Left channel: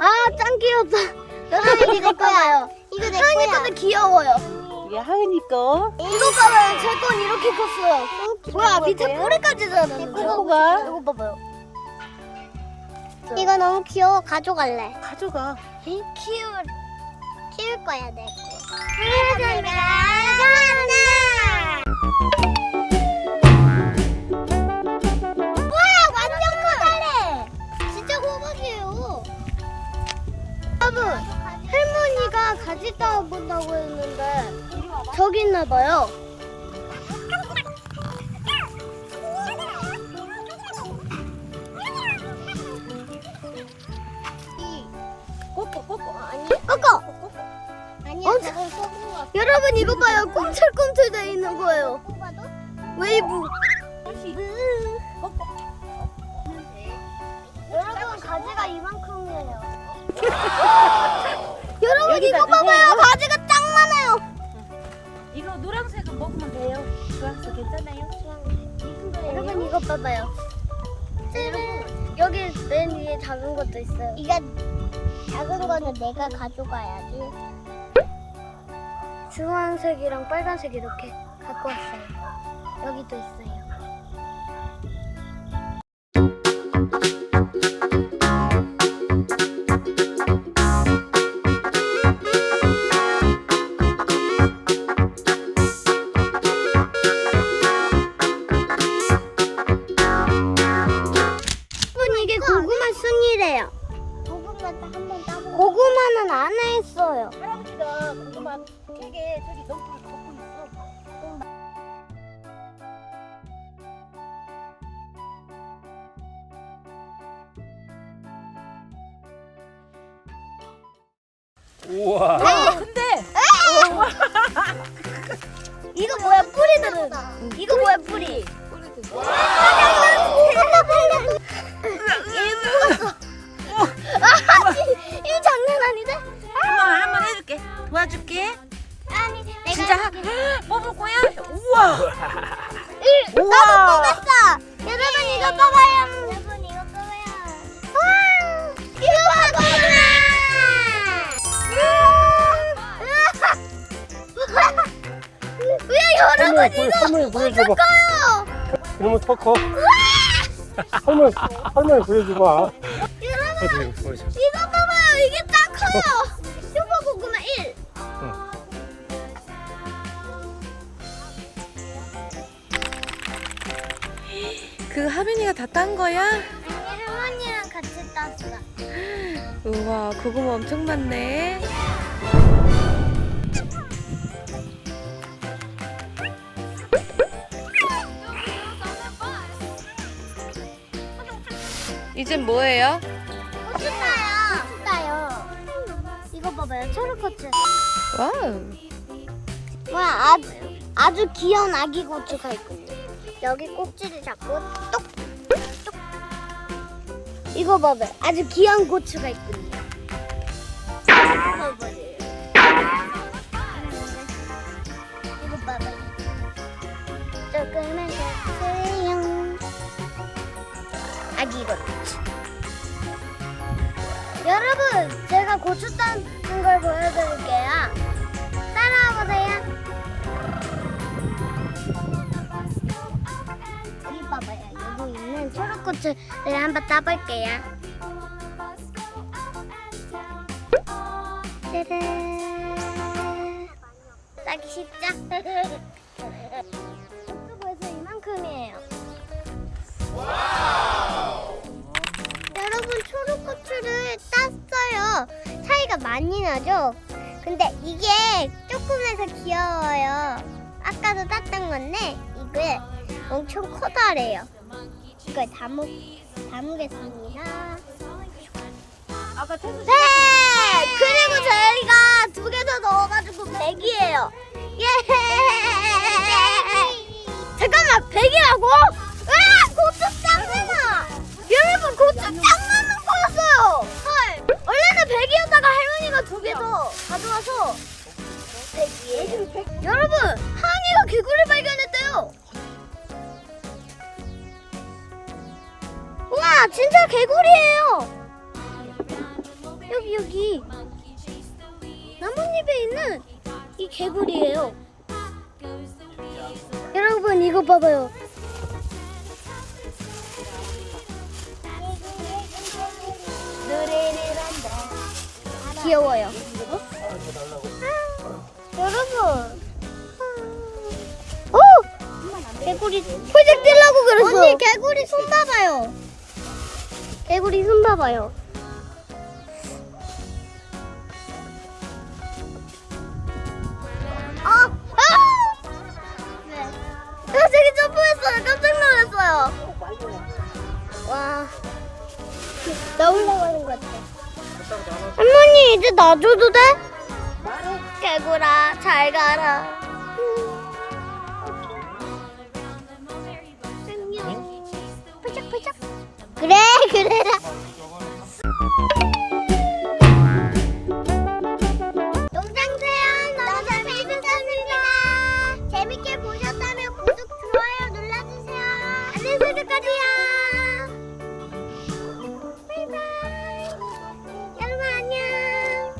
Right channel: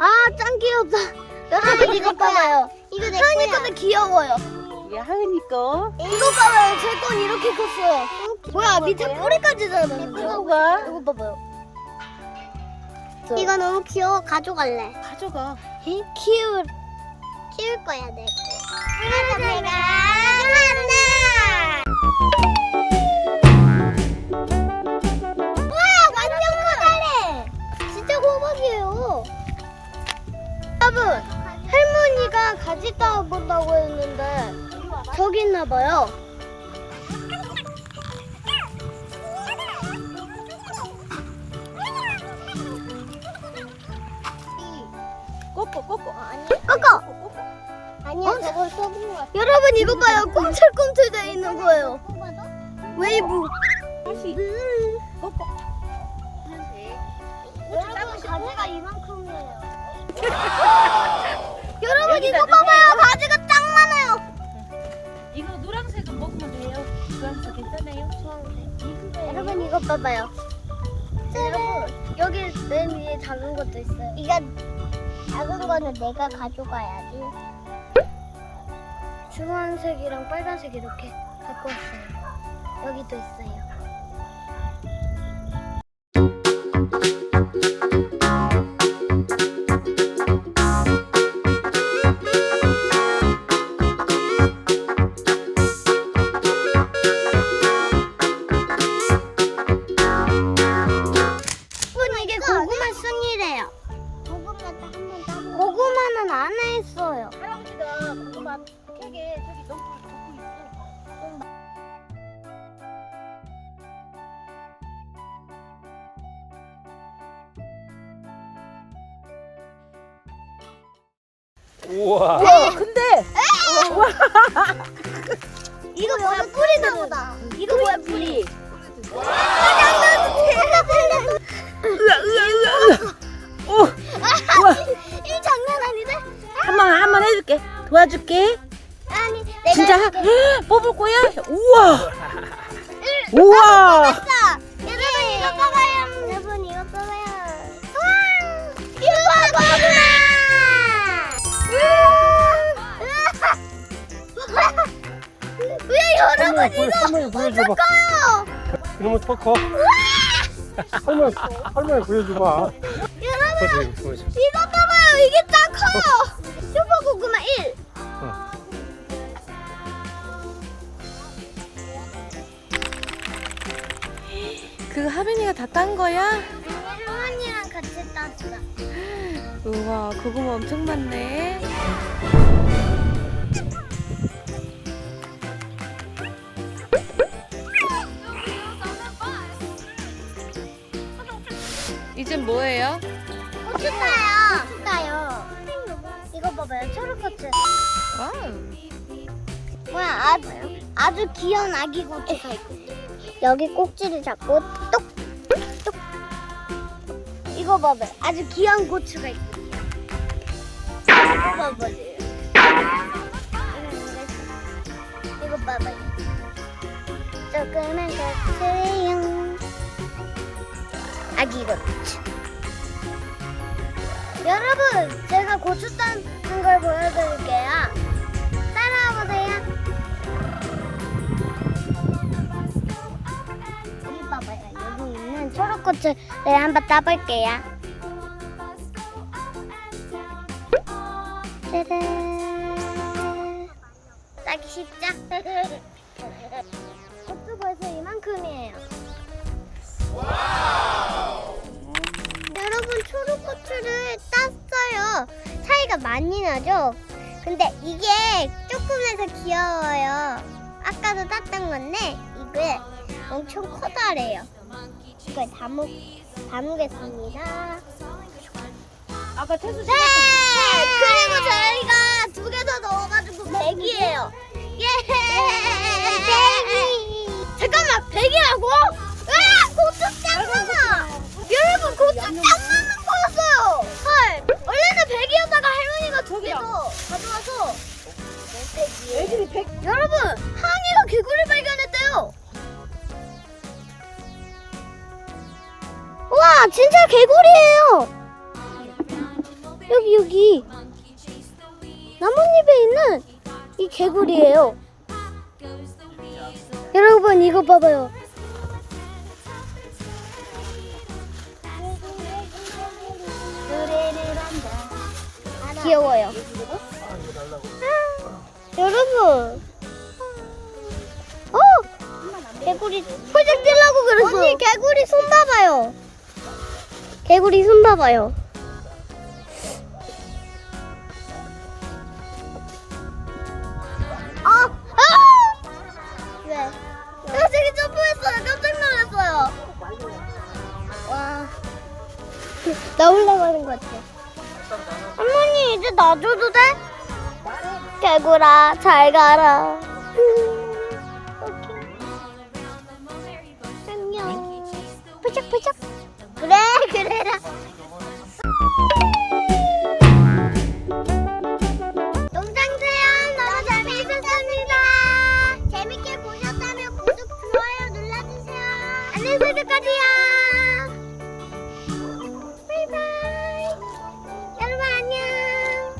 아, 짱 귀엽다. 여러분 이거 봐봐요. 이거 내 하은이 거야. 건데 귀여워요. 이게 하은이 거. 이거 봐봐요. 제 건 이렇게 컸어요. 뭐야 밑에 뿌리까지 자랐는데요. 이거가 이거 봐봐요. 이거 너무 귀여워. 가져갈래. 가져가. 키울 키울 거야 내 거. 하나 완전 저기 있나 봐요. 꼬꼬 꼬꼬. 아니. 꺼꺼. 아니야, 어? 저걸 써본 것 같아. 여러분 이거 봐요. 꿈틀꿈틀 돼 있는 거예요. 웨이브. 꼬꼬. 여러분 가지가 여러분 이거 봐봐요. 짜란. 여기 맨 위에 작은 것도 있어요. 이거 작은 거는 내가 가져가야지. 주황색이랑 빨간색 이렇게 갖고 왔어요. 여기도 있어요. 우와. 근데 이거 뭐야 뿌리들은? 이거 뭐야 뿌리? 이 장난 아닌데? 한번 한 번 해줄게. 도와줄게. 아니, 내가 진짜 하- 뽑을 거야? 우와. 우와. 여러분 이거 봐봐요. 여러분 이거 봐봐요. 이거 봐봐! 왜 여러분 이거 어떨까요? 너무 더 커. 할머니, 할머니 보여주고 와. 보여줘. 이거 봐봐요 이게 딱 커요 슈퍼 고구마 1 어. 그 하빈이가 다 딴 거야? 할머니랑 같이 땄어 우와 고구마 엄청 많네 이젠 뭐예요? 꽃이다요 꽃이다요. 이거 봐봐요. 초록꽃을 와우. 와 아주 아주 귀여운 아기 고추가 있거든요 여기 꼭지를 잡고 똑 똑. 이거 봐봐요. 아주 귀여운 고추가 있거든요 여러분 제가 고추 따는 걸 보여드릴게요 따라와 보세요. 여기 봐봐요. 여기 있는 초록꽃을 네, 한번 따볼게요. 짜란. 따기 쉽죠? 차이가 많이 나죠? 근데 이게 조금해서 귀여워요. 아까도 땄던 건데 이게 엄청 커다래요. 이걸 담으, 담으겠습니다. 네! 그리고 저희가 두 개 더 넣어가지고 100이에요. 예! 잠깐만, 100이라고? 와, 진짜 개구리예요! 여기 여기 나뭇잎에 있는 이 개구리예요. 여러분 이거 봐봐요. 귀여워요. 아, 여러분. 오! 개구리 풀좀 찔라고 그랬어. 언니 개구리 손 봐봐요. 개구리 손 봐봐요. 아! 아! 나 되게 점프했어요. 깜짝 놀랐어요. 와. 나 올라가는 것 같아. 할머니 이제 놔줘도 돼? 개구라 잘 가라.